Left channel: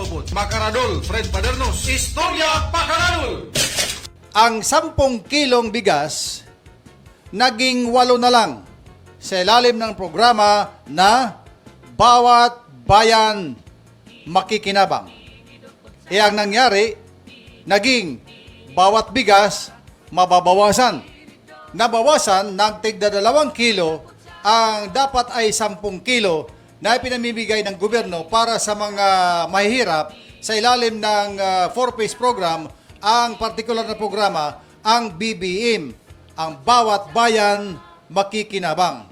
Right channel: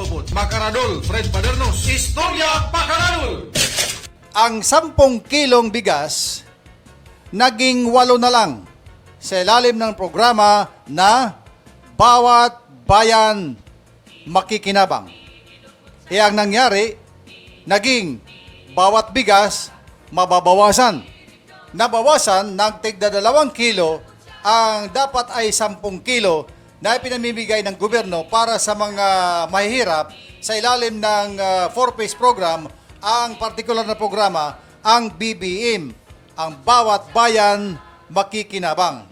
Ubod. Makaradol, Fred Padernos. Istorya Pakaradol! Ang 10 kilong bigas naging 8 na lang sa ilalim ng programa na Bawat Bayan Makikinabang. Ang nangyari, naging bawat bigas mababawasan. Nabawasan ng tigda 2 kilo ang dapat ay 10 kilo na pinamimigay ng gobyerno para sa mga mahihirap sa ilalim ng 4-phase program, ang partikular na programa, ang BBM, ang Bawat Bayan Makikinabang.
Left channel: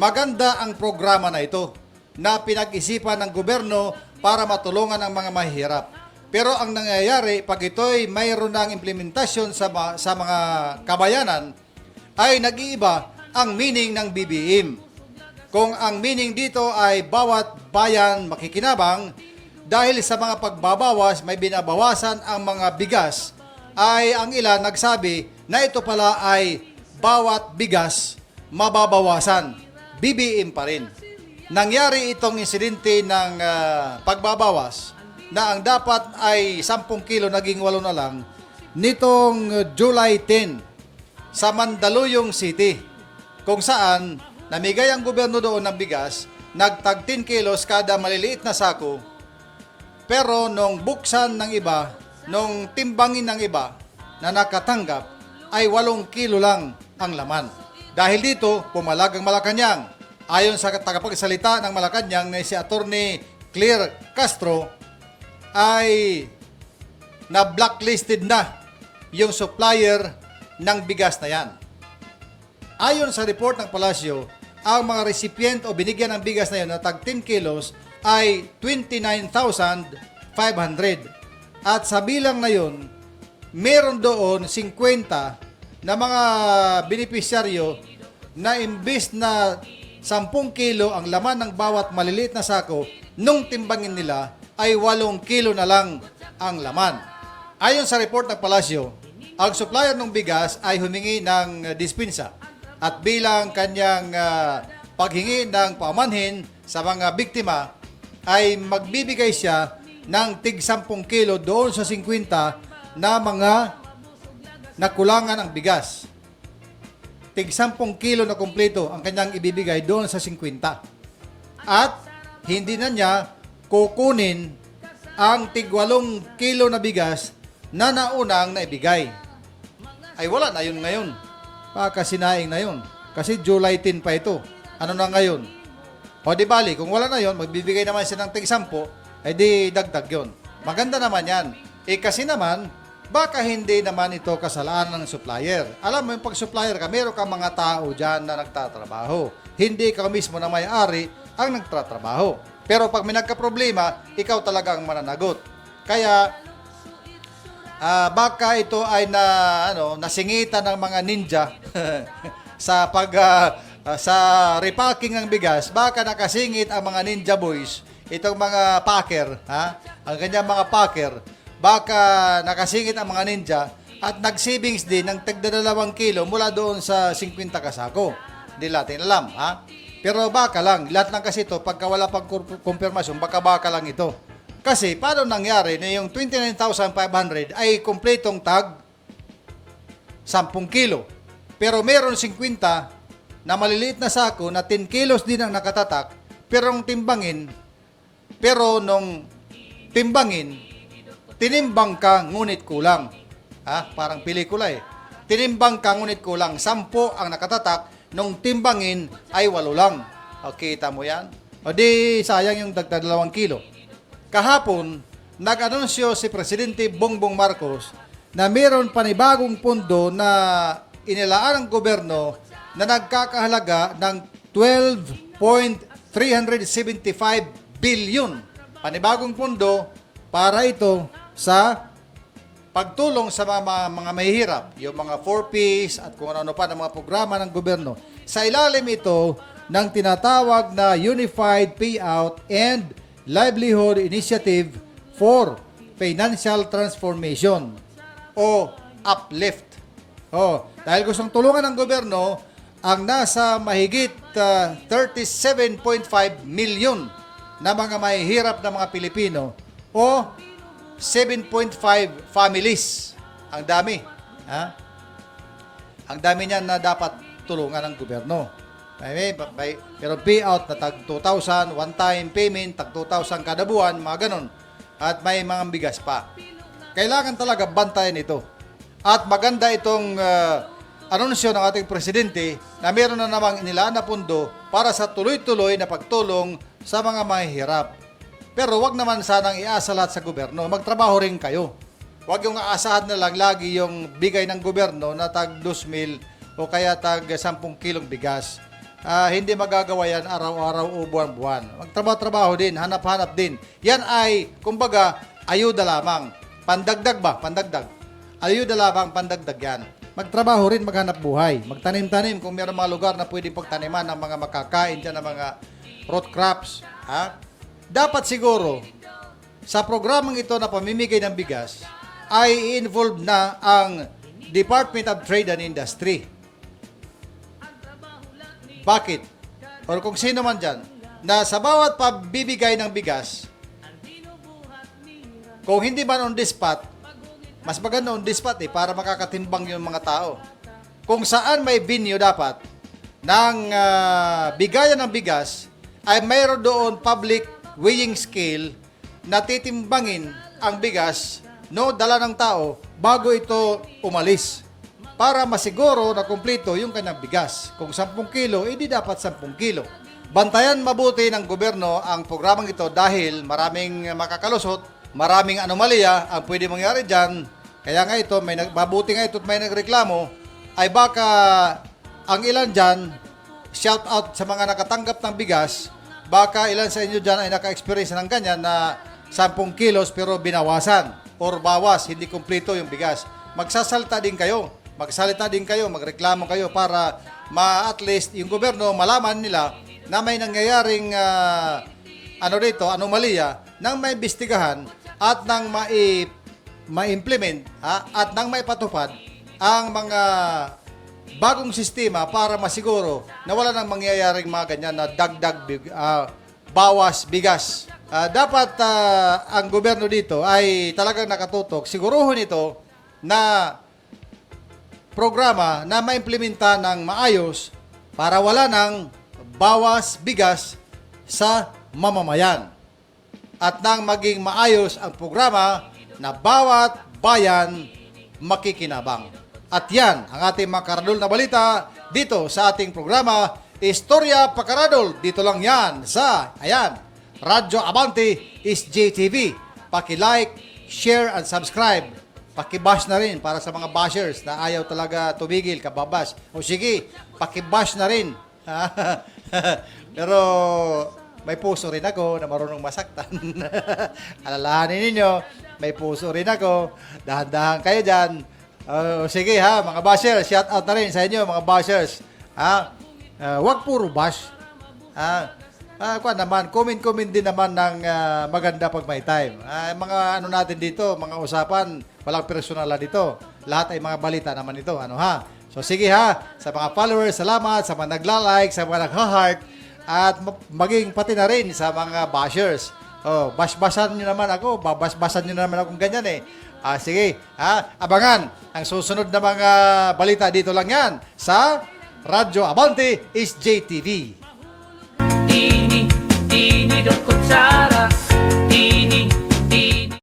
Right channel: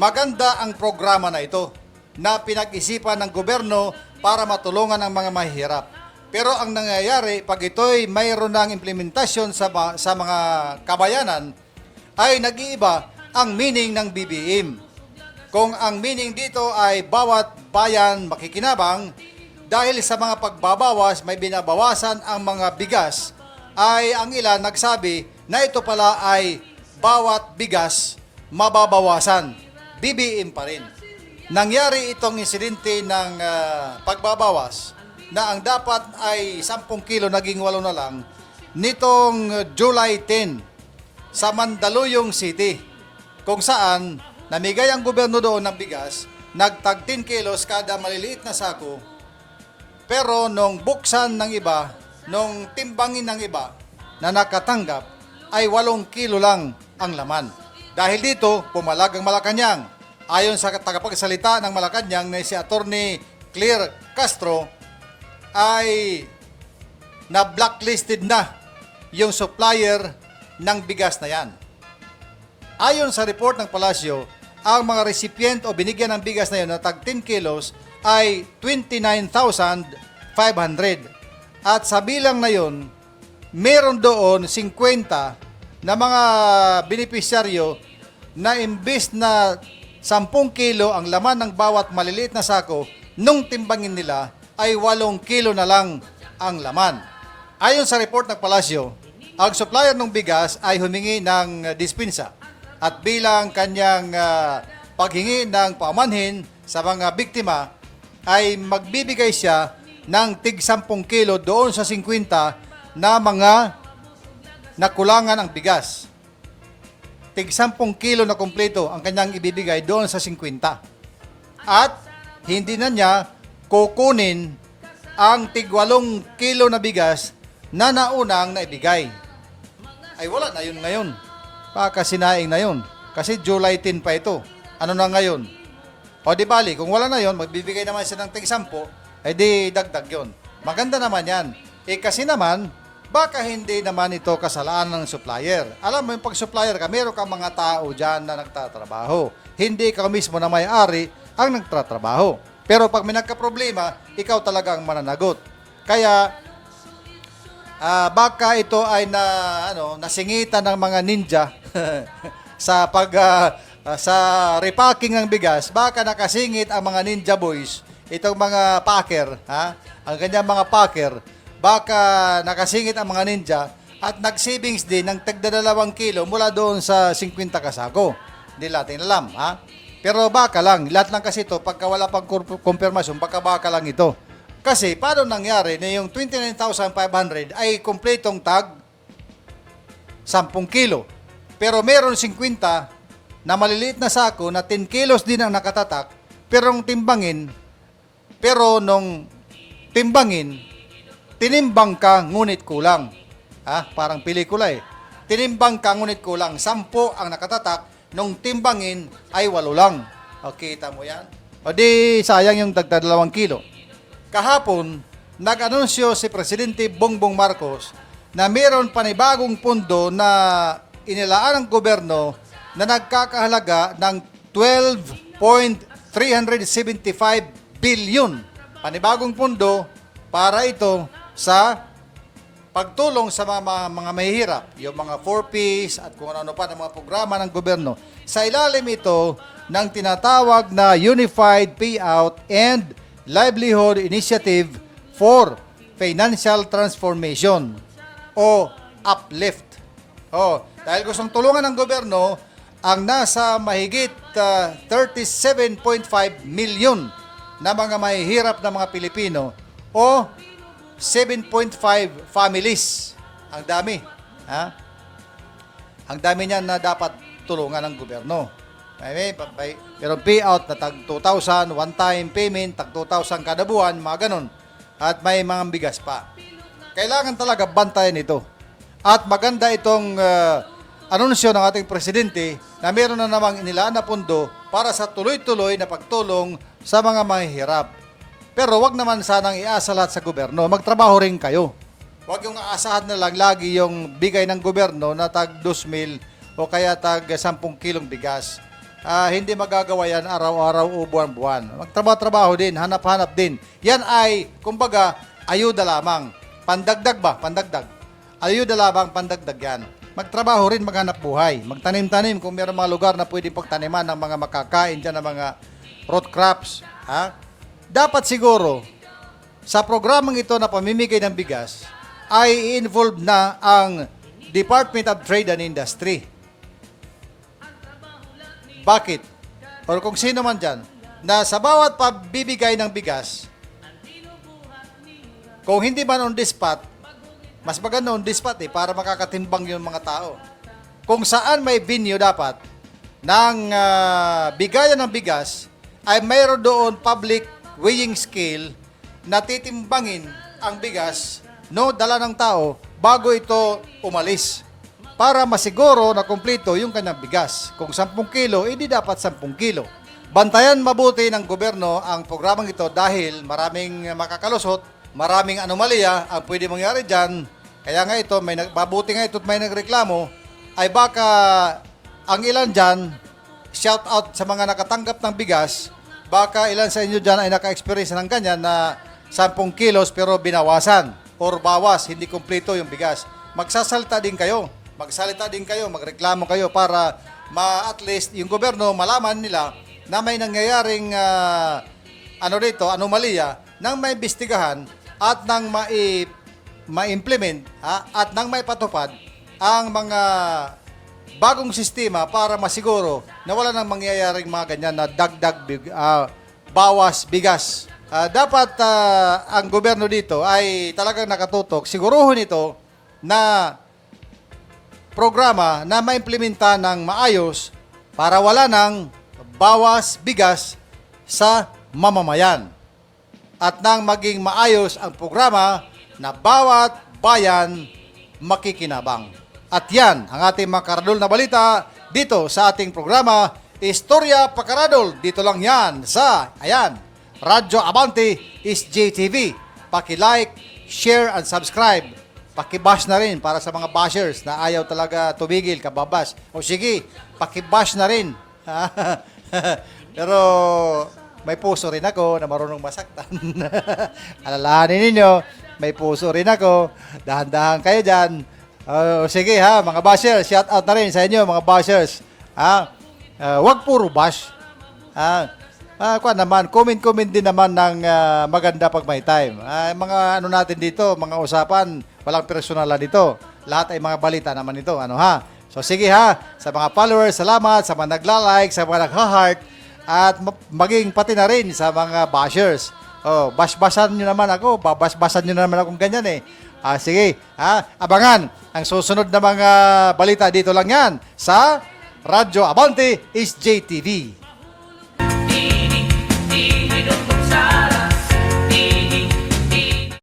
Maganda ang programa na ito na pinag-isipan ng gobyerno para matulungan ang mga mahihirap. Pero ang nangyayari, pag ito'y mayroon ng implementasyon sa mga kabayanan, ay nag-iiba ang meaning ng BBM. Kung ang meaning dito ay Bawat Bayan Makikinabang, dahil sa mga pagbabawas, may binabawasan ang mga bigas, ay ang ilan nagsabi na ito pala ay bawat bigas mababawasan. BBM pa rin. Nangyari itong insidente ng pagbabawas na ang dapat ay 10 kilo naging 8 na lang nitong July 10 sa Mandaluyong City, kung saan namigay ang gobyerno doon ng bigas, nagtag 10 kilos kada maliliit na sako, pero nung buksan ng iba, nung timbangin ng iba na nakatanggap, ay 8 kilo lang ang laman. Dahil dito, pumalag ang Malacanang. Ayon sa tagapagsalita ng Malacanang na si Attorney Claire Castro, ay na-blacklisted na yung supplier ng bigas na yan. Ayon sa report ng Palasyo, ang mga recipient o binigyan ng bigas na yun na tag 10 kilos ay 29,500. At sa bilang na yun, meron doon 50 na mga benepisyaryo na imbis na 10 kilo ang laman ng bawat maliliit na sako, nung timbangin nila ay 8 kilo na lang ang laman. Ayon sa report ng Palasyo, ang supplier ng bigas ay humingi ng dispensa at bilang kanyang paghingi ng pamanhin sa mga biktima ay magbibigay siya ng tig 10 kilo doon sa 50 na mga nakulangan ang bigas. Tig 10 kilo na kumpleto ang kanyang ibibigay doon sa 50. At hindi na niya kukunin ang tig 8 kilo na bigas na naunang naibigay. Ay wala na yun ngayon. Pakasinaing na yun. Kasi July 10 pa ito. Ano na ngayon? O di bali, kung wala na yun, magbibigay naman siya ng tig 10, ay di dagdag yun. Maganda naman yan. Kasi naman, baka hindi naman ito kasalanan ng supplier. Alam mo yung pag-supplier ka, meron kang mga tao dyan na nagtatrabaho. Hindi ikaw mismo na may-ari ang nagtatrabaho. Pero pag may nagka-problema, ikaw talaga ang mananagot. Kaya, baka ito ay nasingitan ng mga ninja sa sa repacking ng bigas. Baka nakasingit ang mga ninja boys, itong mga packer, ang kanyang mga packer. Baka nakasingit ang mga ninja at nag-savings din ng tagda 2 kilo mula doon sa 50 kasako. Hindi natin alam, Pero baka lang, lahat lang kasi ito, pagka wala pang konfirmasyon, baka lang ito. Kasi, paano nangyari na yung 29,500 ay kompletong tag 10 kilo. Pero meron 50 na maliliit na sako na 10 kilos din ang nakatatak, pero nung timbangin, tinimbang ka ngunit kulang. Parang pelikula eh. Tinimbang ka ngunit kulang. 10 ang nakatatak, nung timbangin ay 8 lang. O, kita mo yan? O di, sayang yung dagdag 2 kilo. Kahapon, nag-anunsyo si Presidente Bongbong Marcos na mayroon panibagong pondo na inilaan ng gobyerno na nagkakahalaga ng 12.375 billion. Panibagong pondo para ito sa pagtulong sa mga mahihirap, yung mga 4Ps at kung ano pa ng mga programa ng gobyerno. Sa ilalim ito ng tinatawag na Unified Payout and Livelihood Initiative for Financial Transformation o UPLIFT. Dahil gustong tulungan ng gobyerno ang nasa mahigit 37.5 million na mga mahihirap na mga Pilipino o 7.5 families. Ang dami. Ha? Ang dami niyan na dapat tulungan ng gobyerno. Pero payout na tag 2,000, one-time payment, tag 2,000 kada buwan, mga ganun. At may mga bigas pa. Kailangan talaga bantayan ito. At maganda itong anunsyo ng ating presidente na meron na namang inilaan na pundo para sa tuloy-tuloy na pagtulong sa mga mahihirap. Pero wag naman sanang iasa lahat sa gobyerno. Magtrabaho rin kayo. Wag yung aasahan na lang lagi yung bigay ng gobyerno na tag 2,000 o kaya tag 10 kilong bigas. Hindi magagawa yan araw-araw o buwan-buwan. Magtrabaho-trabaho din, hanap-hanap din. Yan ay, kumbaga, ayuda lamang. Pandagdag ba? Pandagdag. Ayuda lamang, pandagdag yan. Magtrabaho rin, maghanap buhay. Magtanim-tanim kung mayroong mga lugar na pwedeng pagtaniman ng mga makakain dyan ng mga root crops. Ha? Dapat siguro, sa programang ito na pamimigay ng bigas, ay involved na ang Department of Trade and Industry. Bakit? O kung sino man dyan, na sa bawat pabibigay ng bigas, kung hindi man on the spot, mas maganda on the spot para makakatimbang yung mga tao. Kung saan may venue dapat ng bigayan ng bigas, ay mayroon doon public weighing scale na titimbangin ang bigas dala ng tao bago ito umalis para masiguro na kumpleto yung kanyang bigas. Kung 10 kilo, hindi dapat 10 kilo. Bantayan mabuti ng gobyerno ang programang ito dahil maraming makakalusot, maraming anomalya ang pwede mangyari dyan. Kaya nga ito, mabuti nga ito at may nagreklamo, ay baka ang ilan dyan, shout out sa mga nakatanggap ng bigas, baka ilan sa inyo dyan ay naka-experience ng ganyan na 10 kilos pero binawasan or bawas, hindi kumpleto yung bigas. Magsasalita din kayo. Magsalita din kayo, magreklamo kayo para at least yung gobyerno malaman nila na may nangyayaring anomalya nang may imbestigahan at nang ma-implement at nang may patupad ang mga bagong sistema para masiguro na wala nang mangyayaring mga ganyan na bawas bigas. Dapat ang gobyerno dito ay talagang nakatutok. Siguruhin ito na programa na maimplementa ng maayos para wala ng bawas bigas sa mamamayan at nang maging maayos ang programa na bawat bayan makikinabang. At yan ang ating mga karadol na balita dito sa ating programa Istorya Pakaradol. Dito lang yan sa Radyo Abante is JTV. Paki-like, share, and subscribe. Paki-bash na rin para sa mga bashers na ayaw talaga tumigil, kababash. O sige, paki-bash na rin. Pero may puso rin ako na marunong masaktan. Alalahanin ninyo, may puso rin ako. Dahan-dahan kayo dyan. Sige mga bashers, shout out na rin sa inyo mga bashers. Wag puro bash. Comment din naman ng maganda pag may time. Mga natin dito, mga usapan, walang personalan dito. Lahat ay mga balita naman ito. So sige sa mga followers, salamat, sa mga nagla-like, sa mga nagha-heart, at maging pati na rin sa mga bashers. Bash-bashan nyo naman ako, babas-basan nyo naman akong ganyan eh. Sige, abangan ang susunod na mga balita dito lang yan sa Radyo Abante is JTV. Ini dot kutsara